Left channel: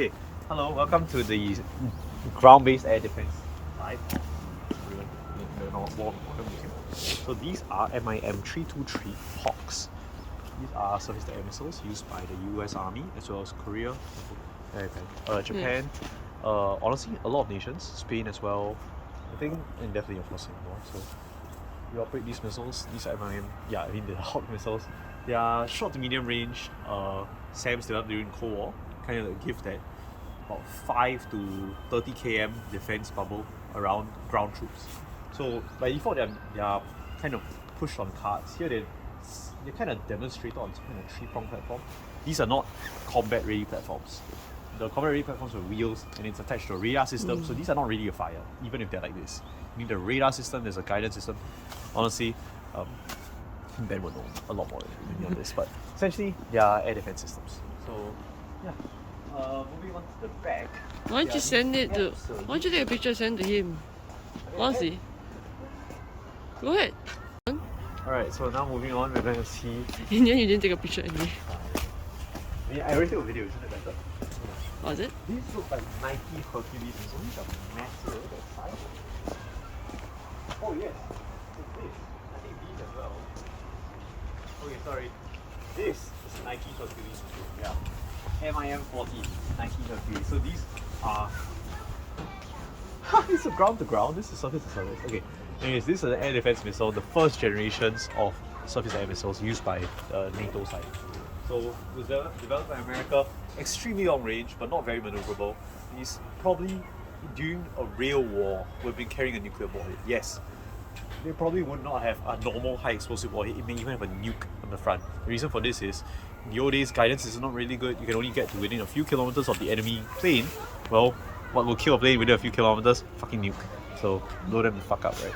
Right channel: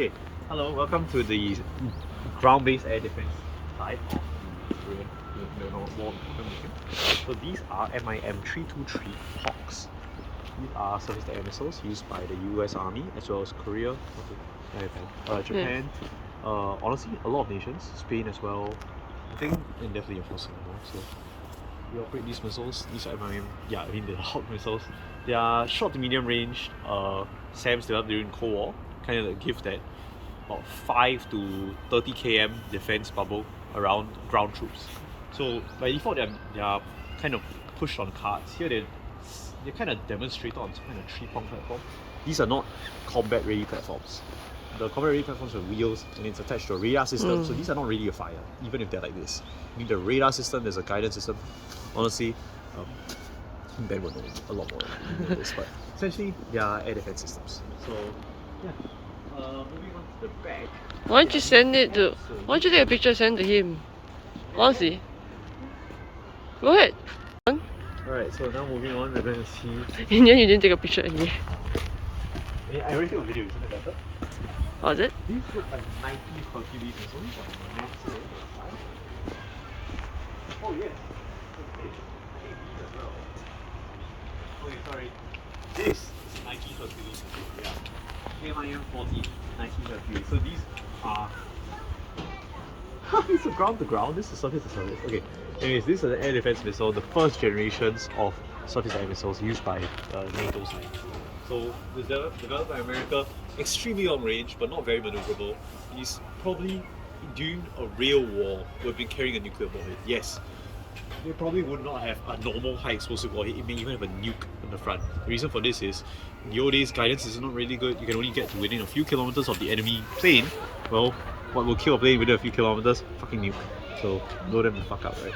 Okay, hello, welcome to the ground-based air defense side of the Korean War Mission. So these are MIM 323 Hawks. These are surface air missiles used by the US Army as well as Korea, Japan, honestly a lot of nations, Spain as well, I think, and definitely of course Singapore. So we operate these missiles. These are MIM, the Hawk missiles. They are short to medium range SAMs developed during Cold War, kind of give that about 5 to 30 km defense bubble around ground troops. So by default they are kind of pushed on carts. Here they're kind of demonstrated on some kind of 3-prong platform. These are not combat ready platforms. The combat ready platforms are wheels and it's attached to a radar system, so these are not really a fire, even if they're like this. You need a radar system, there's a guidance system. Honestly, Ben would know a lot more than this, but essentially they are air defense systems. So yeah, moving on to the back. Why don't you send it to? Why don't you take a picture and send it to him? Honestly, go ahead. Alright, so now moving on, we're going to see. In the end, you didn't take a picture anyway. I already took a video, isn't it better? Oh, is it? These look like Nike Hercules and so these are massive. Oh yes, as well. Okay, sorry. This is Nike Hercules. Yeah. MIM 40 Nike Hercules. So these are. These are ground to ground. This is surface to surface. Okay. Anyways, this is an air defense missile, the first generations of surface air missiles used by the NATO side. So developed by America, extremely long range but not very maneuverable. These probably during a real war would have been carrying a nuclear warhead. Yes, they probably would not have a normal high explosive warhead. It may even have a nuke on the front. The reason for this is in the old days guidance is not really good. You can only get to within a few kilometers of the enemy plane. Well, what will kill a plane within a few kilometers? Fucking nuke. So blow them the fuck up, right?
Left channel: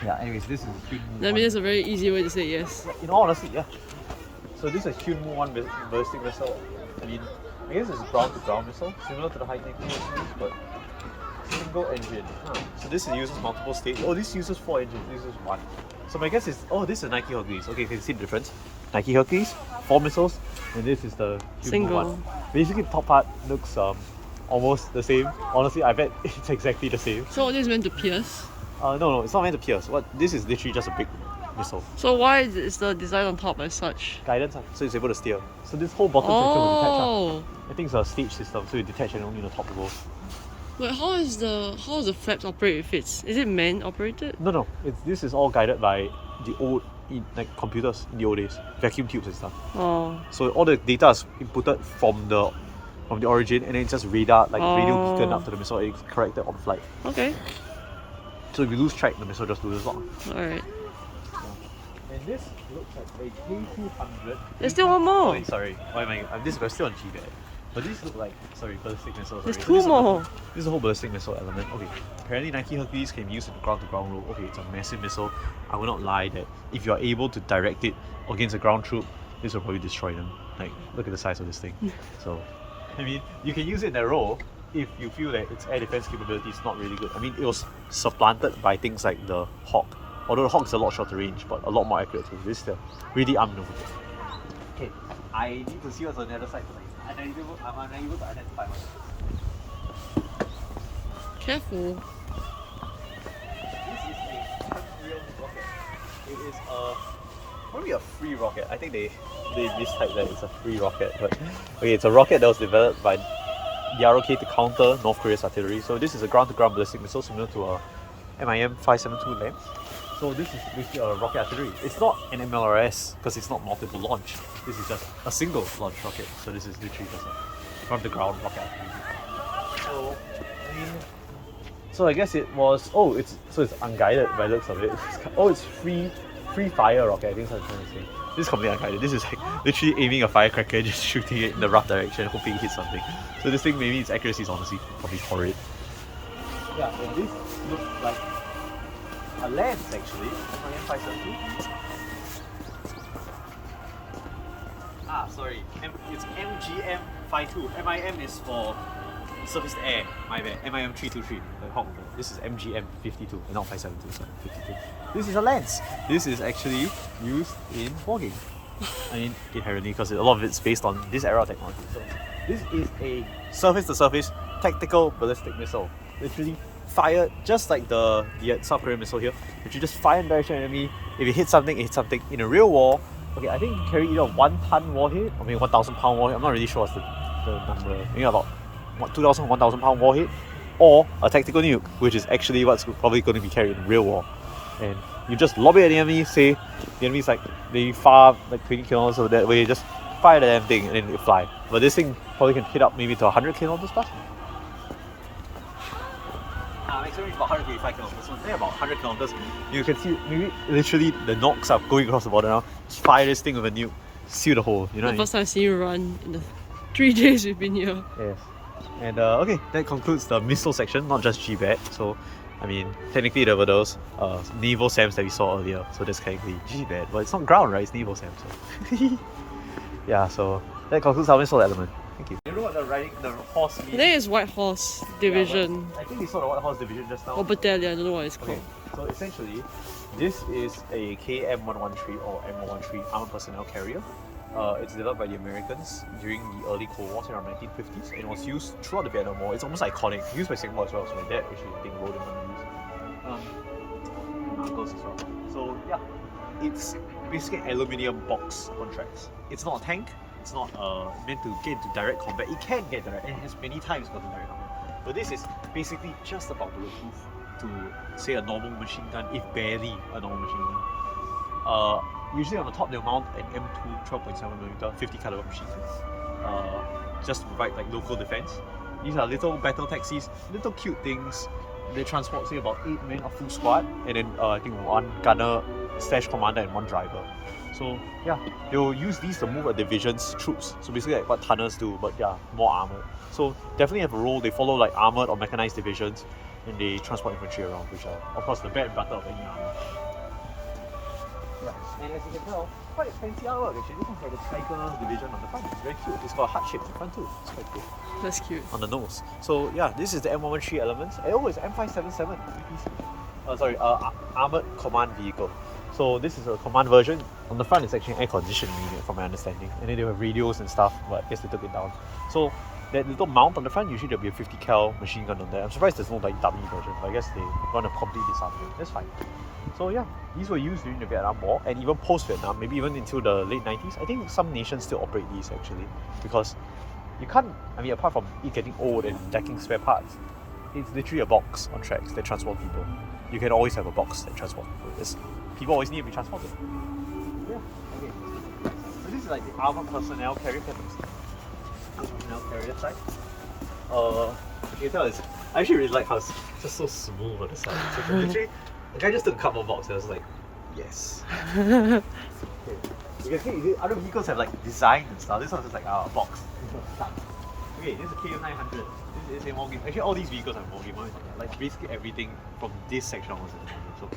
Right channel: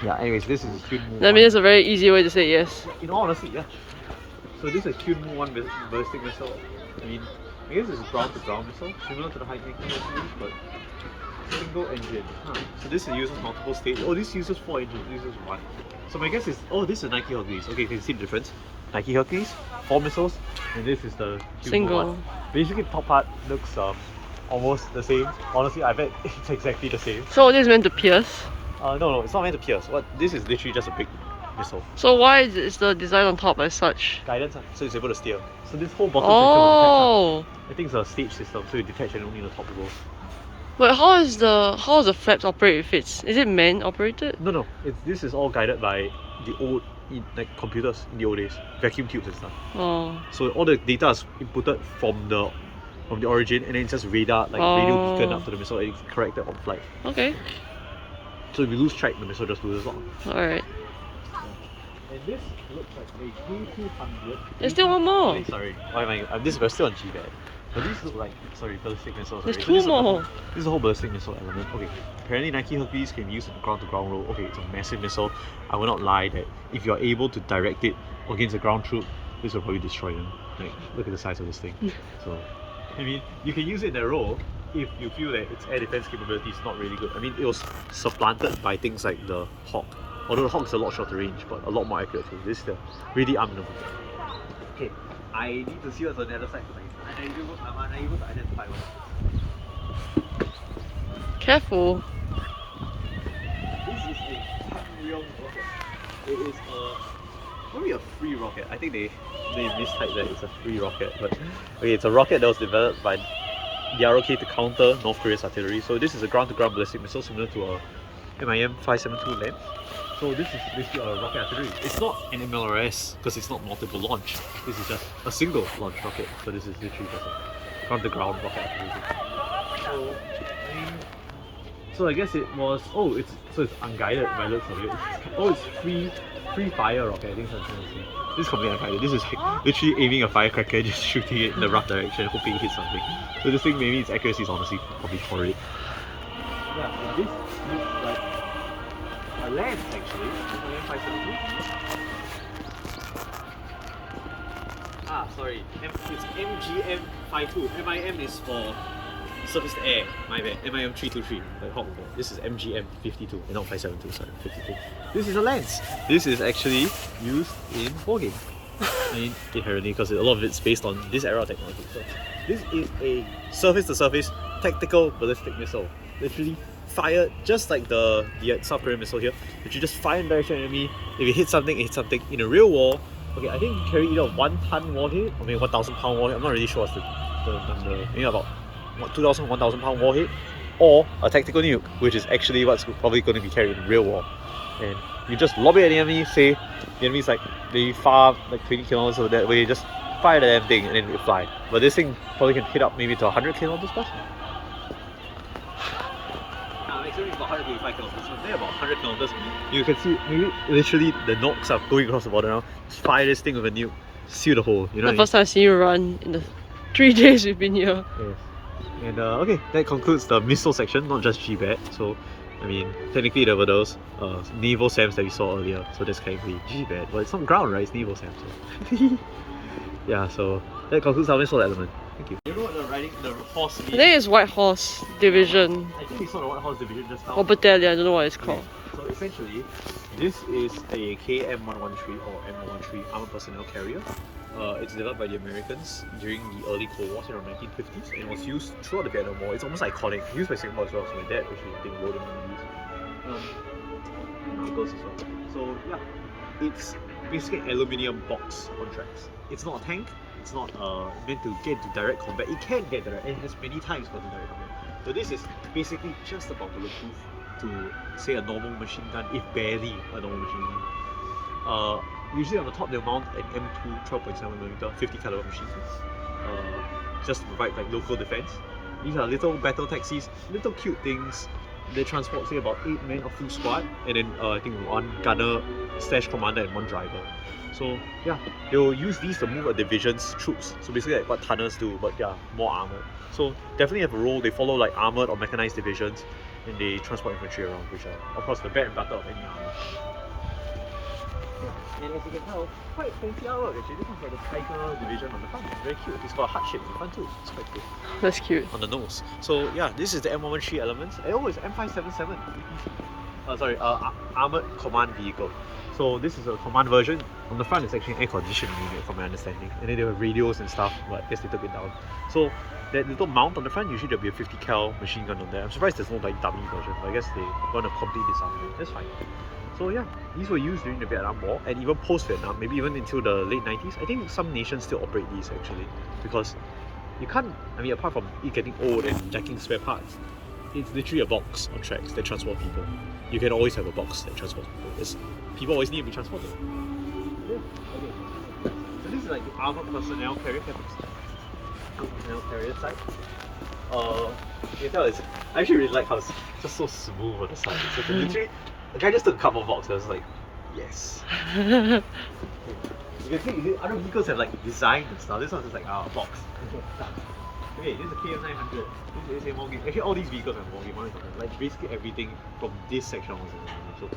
Yeah, anyways, this is Kyunmoo. I mean, it's a very easy way to say yes. Yeah, in all honesty, yeah. So this is Kyunmoo 1 ballistic missile. I mean, I guess it's a ground-to-ground missile, similar to the high-tech series, but single engine. So this uses multiple stages. Oh, this uses 4 engines, this uses 1. So my guess is, this is a Nike Hercules. Okay, can you see the difference? Nike Hercules, 4 missiles, and this is the Kyunmoo Single. 1. Basically, the top part looks almost the same. Honestly, I bet it's exactly the same. So it is meant to pierce? No, it's not meant to pierce. This is literally just a big missile. So why is the design on top as such? Guidance, so it's able to steer. So this whole bottom section will detach. I think it's a stage system, so you detach and only the top will go. But how is the flaps operate if is it man operated? No, this is all guided by the old computers in the old days, vacuum tubes and stuff. Oh. So all the data is inputted from the origin, and then it's just radar, radio beacon up to the missile, and it's corrected on flight. Okay. So if you lose track, the missile just loses on. Alright. Yeah. And this looks like a K200. There's still one more. Sorry, why am I? We're still on GBAD. But these look like, ballistic missiles. There's already. two more. This is a whole ballistic missile element. Okay, apparently Nike Hercules can be used in the ground-to-ground role. Okay, it's a massive missile. I will not lie that if you are able to direct it against a ground troop, this will probably destroy them. Like, look at the size of this thing. So, I mean, you can use it in that role if you feel that its air defense capability is not really good. I mean, it was supplanted by things like the Hawk. Although the Hawk is a lot shorter range, but a lot more accurate too. This is really unmaneuverable. Okay, I need to see what's on the other side tonight. I'm unable to identify one. Careful. This is a Armour rocket. It is probably a free rocket. I think they mistyped that it's a free rocket. But okay, it's a rocket that was developed by the ROK to counter North Korea's artillery. So this is a ground-to-ground ballistic missile similar to a MIM 572 Lens. So this is basically a rocket artillery. It's not an MLRS because it's not multiple launch. This is just a single launch rocket. So this is literally just a ground-to-ground rocket artillery. So I guess it was. It's unguided by the looks of it. It's free fire rocket. I think that's what I'm saying. This is completely unguided. This is like literally aiming a firecracker and just shooting it in the rough direction, hoping it hits something. So this thing, maybe its accuracy is honestly probably horrid. Yeah, and this looks like a lens actually. MIM 572. Sorry. It's MGM 52. MIM is for surface to air. My bad. MIM 323. Like Hawk. This is MGM 52 and not 572. Sorry, 52. This is a lens. This is actually used in wargaming. I mean, inherently, because a lot of it's based on this era technology. So This is a surface-to-surface tactical ballistic missile. Literally fired just like the South Korean missile here. Literally just fire in the direction of enemy. If it hits something, it hits something. In a real war, okay, I think you carry either a 1-ton warhead or maybe 1,000 pound warhead. I'm not really sure what's the number. Maybe about 2,000, 1,000 pound warhead, or a tactical nuke, which is actually what's probably going to be carried in real war. And you just lob it at the enemy, say the enemy's like maybe far, like 20 kilometers over that way, just fire the damn thing and then it fly. But this thing probably can hit up maybe to 100 kilometers plus. It's only about 185 kilometers, so they're about 100 kilometers. You can see maybe literally the knocks are going across the border now. Just fire this thing with a nuke, seal the hole. You know the first time I've seen you run in the 3 days we've been here. Yes. And okay, that concludes the missile section, not just GBAD. So, I mean, technically there were those naval SAMs that we saw earlier. So that's technically GBAD. Well, it's not ground, right? It's naval SAM. So yeah, so that concludes our missile element. Thank you. You know what the horse means? I think it's White Horse Division. I think we saw the White Horse Division just now. Or battalion, I don't know what it's called. So essentially, this is a KM-113 or M113 armored personnel carrier. It's developed by the Americans during the early Cold War, around 1950s, and was used throughout the Vietnam War. It's almost iconic. Used by Singapore as well, so my dad actually, I think, rode it on the news. My uncles as well. So yeah, it's basically an aluminium box on tracks. It's not a tank. It's not meant to get into direct combat. It can get direct. It has many times gotten direct combat. But this is basically just about bulletproof to say a normal machine gun, if barely a normal machine gun. Usually on the top they'll mount an M2 12.7mm 50 caliber machine gun, just to provide like local defense. These are little battle taxis, little cute things. They transport say about 8 men, a full squad, and then I think 1 gunner / commander and 1 driver. So yeah, they'll use these to move a division's troops. So basically like what tunnels do, but yeah, more armored. So definitely have a role. They follow like armored or mechanized divisions, and they transport infantry around, which are of course the bread and butter of any army. Yeah, and as you can tell, quite fancy artwork actually. This one's like a tiger division on the front. It's very cute. It's got a heart shape on the front too. It's quite cool. That's cute. On the nose. So yeah, this is the M113 elements. Oh, it's M577. Armored command vehicle. So this is a command version. On the front it's actually an air conditioning unit from my understanding. And then they have radios and stuff, but I guess they took it down. So that little mount on the front, usually there'll be a 50 cal machine gun on there. I'm surprised there's no like dummy version, but I guess they're gonna complete this army. That's fine. So yeah, these were used during the Vietnam War and even post-Vietnam, maybe even until the late 90s. I think some nations still operate these actually, because you can't, I mean apart from it getting old and lacking spare parts, it's literally a box on tracks that transport people. You can always have a box that transports people. People always need to be transported. Yeah, okay. So this is like the armored personnel carrier side. You can tell it's, I actually really like how it's just so smooth on the side. So literally, the guy just took a couple of boxes. I was like, yes. Okay. You can see other vehicles have like design and stuff. This one's just like a box. Okay, this is a KM900. This is a more game. Actually, all these vehicles are more game. Like basically everything from this section was in the game. So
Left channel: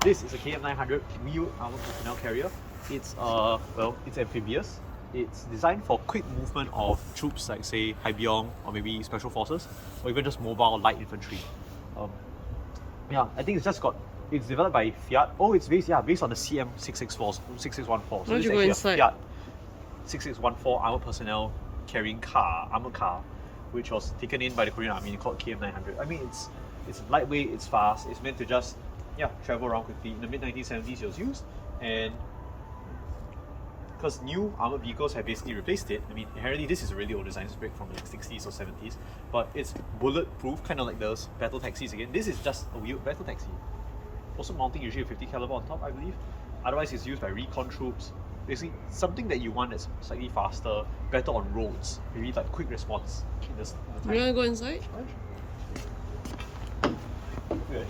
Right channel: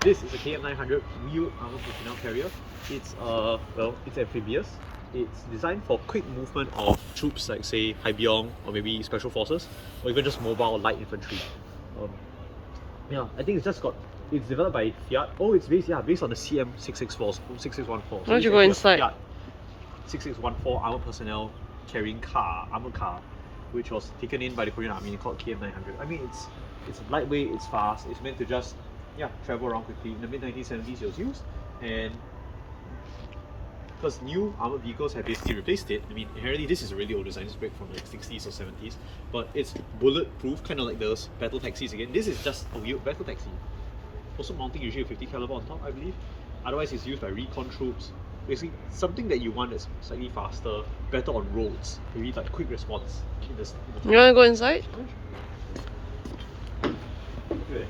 this is a KM900 wheeled armored personnel carrier. It's well, it's amphibious. It's designed for quick movement of troops like say Haibiong or maybe special forces, or even just mobile light infantry. Yeah, I think it's developed by Fiat. Oh, it's based on the CM6614. Why don't you go inside? Fiat 6614 armored personnel carrying armored car, which was taken in by the Korean Army and called KM900. I mean, it's lightweight, it's fast, it's meant to just travel around quickly. In the mid 1970s, it was used, and because new armored vehicles have basically replaced it. I mean, inherently this is a really old design. It's back from the 60s or 70s, but it's bulletproof, kind of like those battle taxis again. This is just a wheeled battle taxi. Also mounting usually a 50 caliber on top, I believe. Otherwise, it's used by recon troops. Basically, something that you want that's slightly faster, better on roads, maybe like quick response in the You wanna go inside?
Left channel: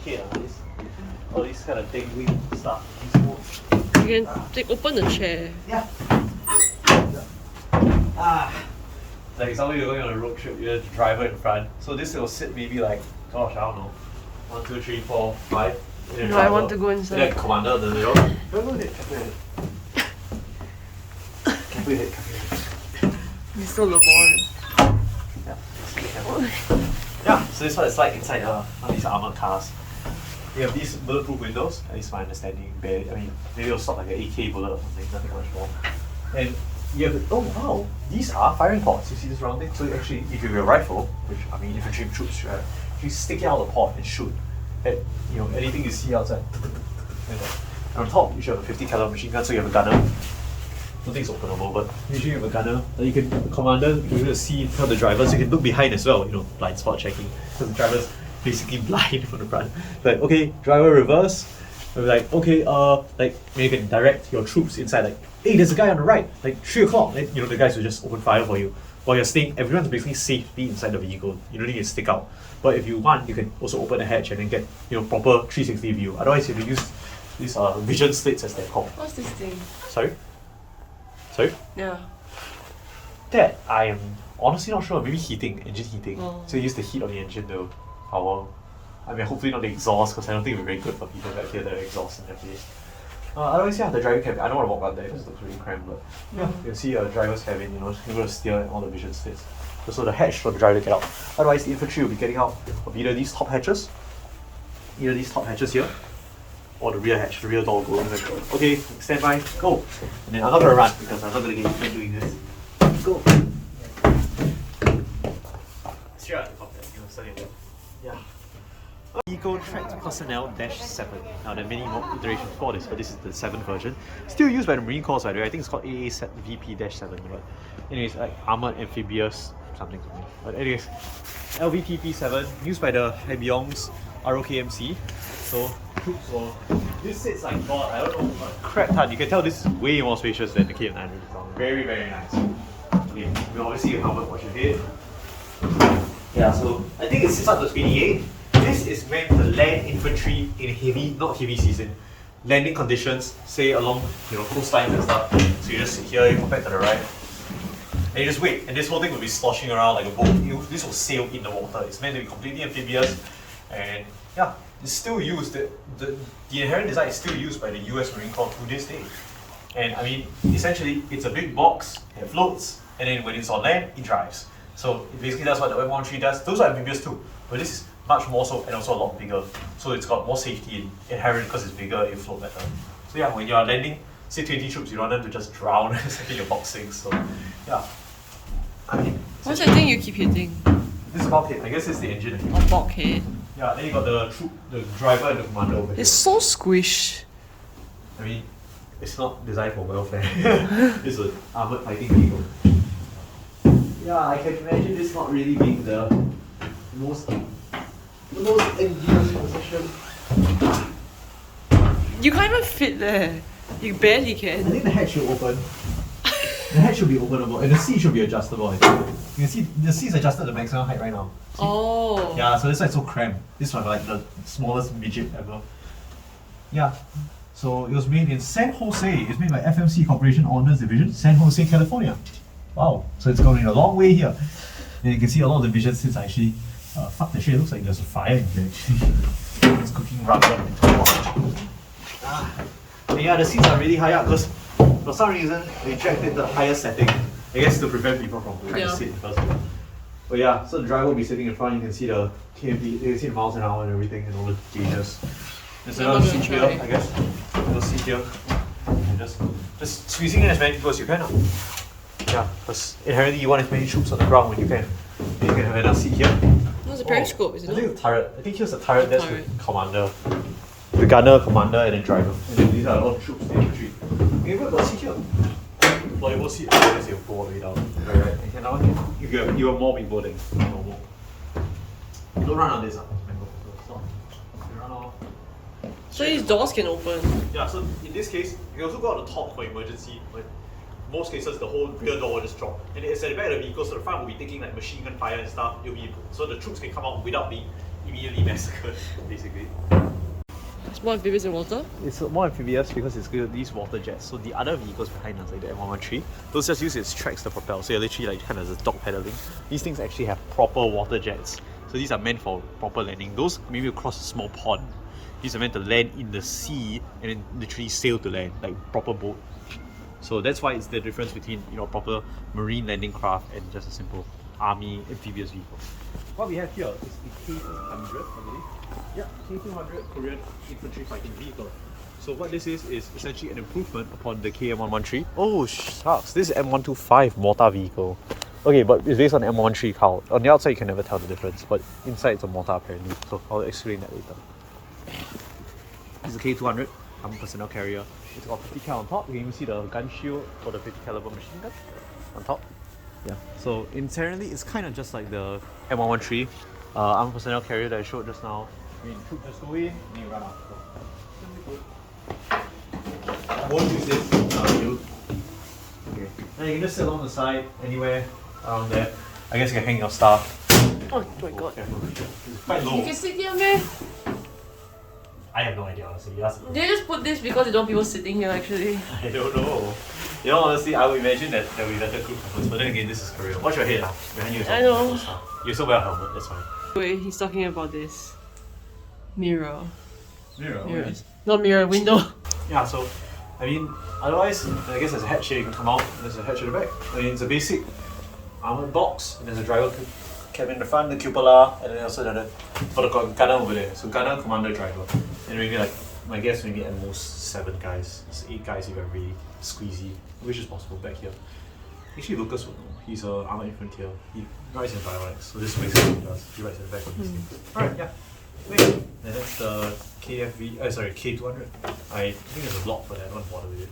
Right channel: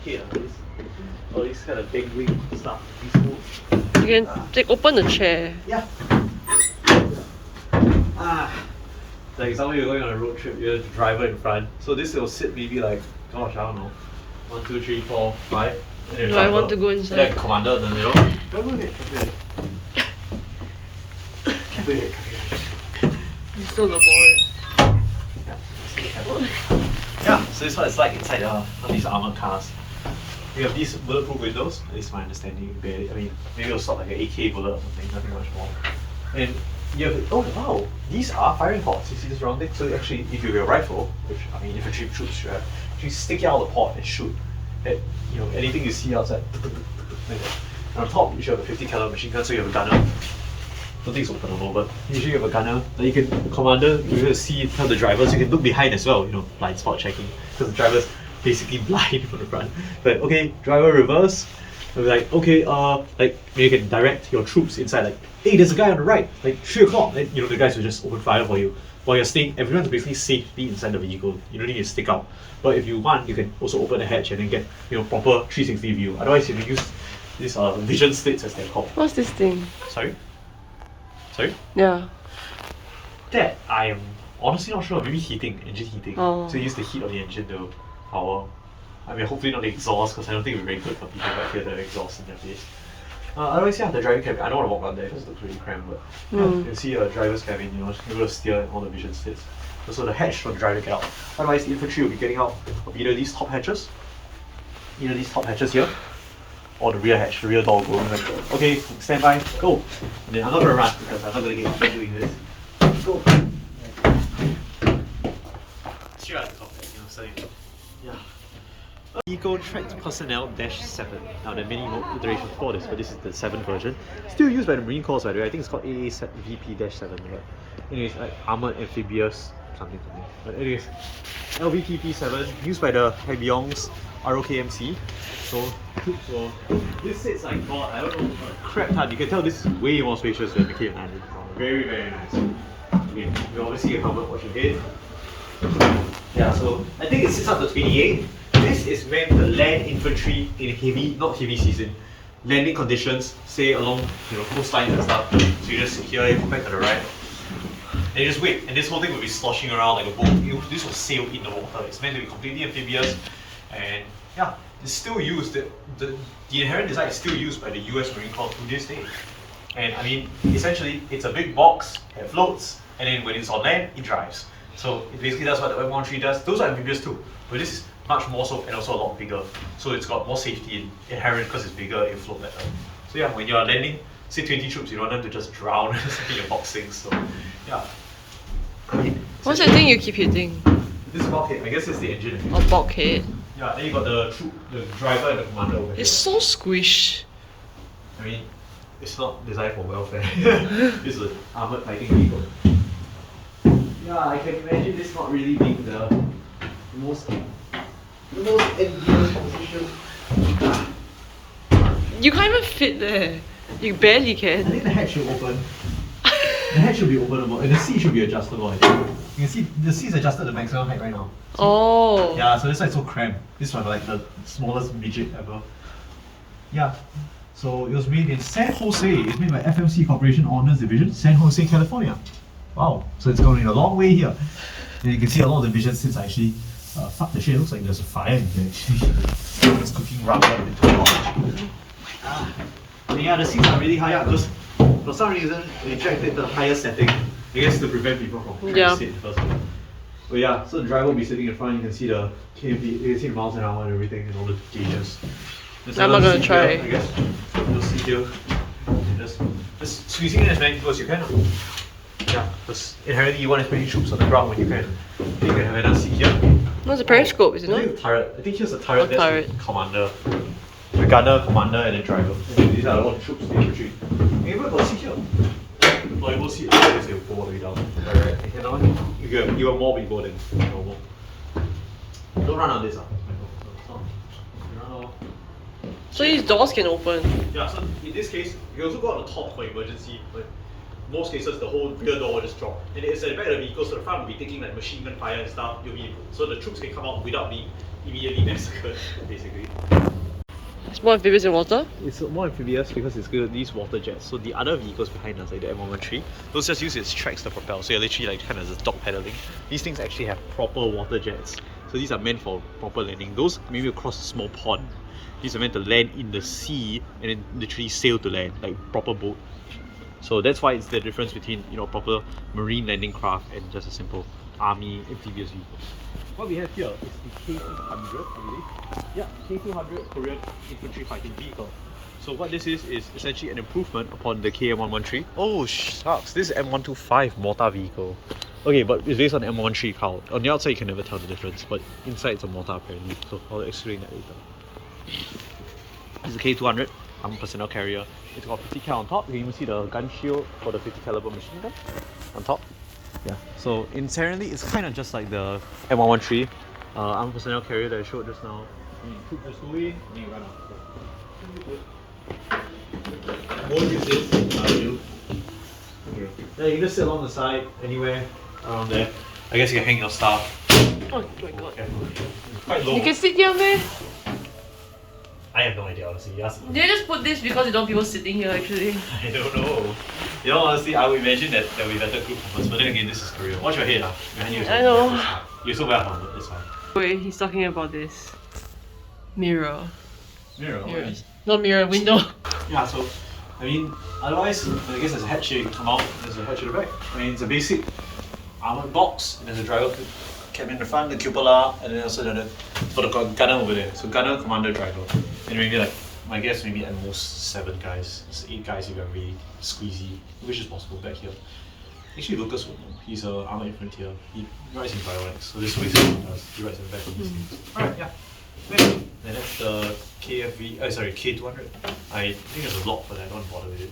Here, all this kind of big wing stuff. You can open the chair. Yeah. Like somebody you're going on a road trip, you have the driver in front. So this will sit maybe like, gosh, I don't know, 1, 2, 3, 4, 5. Do I want to go inside? Yeah, commander in the middle. Go ahead. Careful ahead. You still the boy. Yeah, so this is what it's like inside all these armored cars. We have these bulletproof windows, at least my understanding. I mean, maybe it'll stop like an AK bullet or something, nothing much more. And you have, oh wow, these are firing ports. You see this round thing? So actually, if you have a rifle, which I mean, infantry troops, right? You stick it out of the port and shoot at anything you see outside, like that. And on top, you should have a 50 caliber machine gun, so you have a gunner. Don't think it's openable, but usually you have a gunner that you can, commander, you can see, tell the drivers, you can look behind as well, blind spot checking, because the driver's basically blind from the front. Like, okay, driver reverse. Like, okay, like, you can direct your troops inside, like, hey, there's a guy on the right, like 3 o'clock. Then, the guys will just open fire for you. While you're staying, everyone's basically safely inside the vehicle. You don't need to stick out. But if you want, you can also open the hatch and then get, proper 360 view. Otherwise, you can use these vision slits as they're called. What's this thing? Sorry? Yeah. That I am honestly not sure. Maybe heating, engine heating. Oh. So you use the heat of the engine to power. I mean, hopefully not the exhaust, because I don't think it's very good for people back here that exhaust in their face. Otherwise, yeah, the driving cabin. I don't want to walk around there because it looks really cramped, but yeah, you can see a driver's cabin, you're able to steer all the vision slits. Also, the hatch for the driver to get out. Otherwise, the infantry will be getting out of either these top hatches, here, or the rear hatch, the rear door will go. Okay, stand by, go. And then I'm not gonna run because I'm not gonna get injured doing this. Go. Straight out the cockpit, starting again. Yeah. Eco Tracked Personnel -7. Now there are many more iterations for this, but this is the 7th version. Still used by the Marine Corps, by the way. I think it's called AAVP-7. But anyways, like Armored Amphibious something. But anyways, LVTP-7 used by the Haibiongs ROKMC. So this sits like God. I don't know, crap ton. You can tell this is way more spacious than the KM900. Very, very nice. Okay, you obviously a helmet watch your head. Yeah, so I think it sits up to 28. This is meant to land infantry in heavy, not heavy season, landing conditions, say along coastlines and stuff. So you just sit here, you come back to the right, and you just wait. And this whole thing will be sloshing around like a boat. This will sail in the water. It's meant to be completely amphibious, and yeah, it's still used. The inherent design is still used by the US Marine Corps to this day. And I mean, essentially, it's a big box that floats, and then when it's on land, it drives. So basically, that's what the M13 does. Those are amphibious too, but this is much more so, and also a lot bigger. So it's got more safety inherent because it's bigger, it float better. So yeah, when you're landing, say 20 troops, you don't want them to just drown in your box sinks. So yeah. I mean, what's that thing you keep hitting? This is bulkhead. I guess it's the engine. Oh, bulkhead. Yeah, then you got the driver and the commander over here. It's so squished. I mean, it's not designed for welfare. This is an armored fighting vehicle. Yeah, I can imagine this not really being the most envious position. You can't even fit there. You barely I can. think the hatch should open. The hatch should be openable, and the seat should be adjustable. I think. You can see the seat is adjusted to maximum height right now. Oh. Yeah, so that's why it's so cramped. This one like the smallest midget ever. Yeah. So it was made in San Jose. It's made by FMC Corporation Honors Division, San Jose, California. Wow. So it's going a long way here. And you can see a lot of the vision sits are actually fuck the shit. It looks like there's a fire in there actually. It's cooking rubber into the and yeah, the seats are really high up because for some reason they jacked it to the highest setting. I guess to prevent people from trying to sit in the first place. But yeah, so the driver will be sitting in front, you can see the KMP, you can see the miles an hour and everything and all the gauges. I'm not gonna try. Here, I guess. You'll see here. And just squeezing in as many people as you can. Yeah, because inherently you want as many troops on the ground when you can. You can have another seat here. What's a periscope, is it I not? think the turret. I think here's the turret, Oh, that's turret. the commander. The gunner, commander, and the driver. These are all the troops in the infantry. Maybe we'll go seat here. Deployable seat, I guess you'll go all the way down. Alright, you know, you have more people than normal. Don't run on this. So these doors can open. Yeah, so in this case, you can also go on the top for emergency, but in most cases the whole rear door will just drop. And it's at the back of the vehicle, so the front will be taking like machine gun fire and stuff. So the troops can come out without being immediately massacred, basically. It's more amphibious in water? It's more amphibious because it's good these water jets. So the other vehicles behind us, like the M113, those just use its tracks to propel. So you're literally like kind of just dog pedaling. These things actually have proper water jets. So these are meant for proper landing. Those maybe across a small pond. These are meant to land in the sea and then literally sail to land, like proper boat. So that's why it's the difference between proper marine landing craft and just a simple army amphibious vehicle. What we have here is the K200, I believe. Yeah, K200 Korean infantry fighting vehicle. So what this is essentially an improvement upon the KM113. Oh shucks, this is M125 mortar vehicle. Okay, but it's based on M113 cowl. On the outside you can never tell the difference, but inside it's a mortar apparently. So I'll explain that later. It's a K200, Armour personnel carrier. It's got 50 cal on top. You can even see the gun shield for the 50 caliber machine gun on top. Yeah, so inherently it's kind of just like the M113 Armour personnel carrier that I showed just now. You took just go in and you run out. So, I won't use this. You. Okay. Then you can just sit along the side, anywhere around there. I guess you can hang your stuff. Oh my god. It's quite low. You can sit here, man. I have no idea, honestly. Yes. They just put this because you don't want people sitting here actually. I don't know. You know, honestly, I would imagine that we better group numbers, but then again, this is Korea. Watch your head, behind you. I know. You're so well helmet, that's fine. Wait, he's talking about this. Mirror. Mirror, Mirror. Not mirror, window. Yeah, so, I mean, otherwise, I guess there's a hatch here, you can come out, there's a hatch in the back. I mean, it's a basic armored box, and there's a driver cabin in the front, the cupola, and then also for the gunner over there. So gunner, commander, driver. And maybe like, my guess maybe at most 7 guys. It's 8 guys if you're really squeezy, which is possible back here. Actually, Lucas would know. He's an armored infantry. He rides in Bionics, so this is what he does. He rides in the back of this thing. Alright, yeah. And that's the K200. I think there's a block for that, I don't bother with it.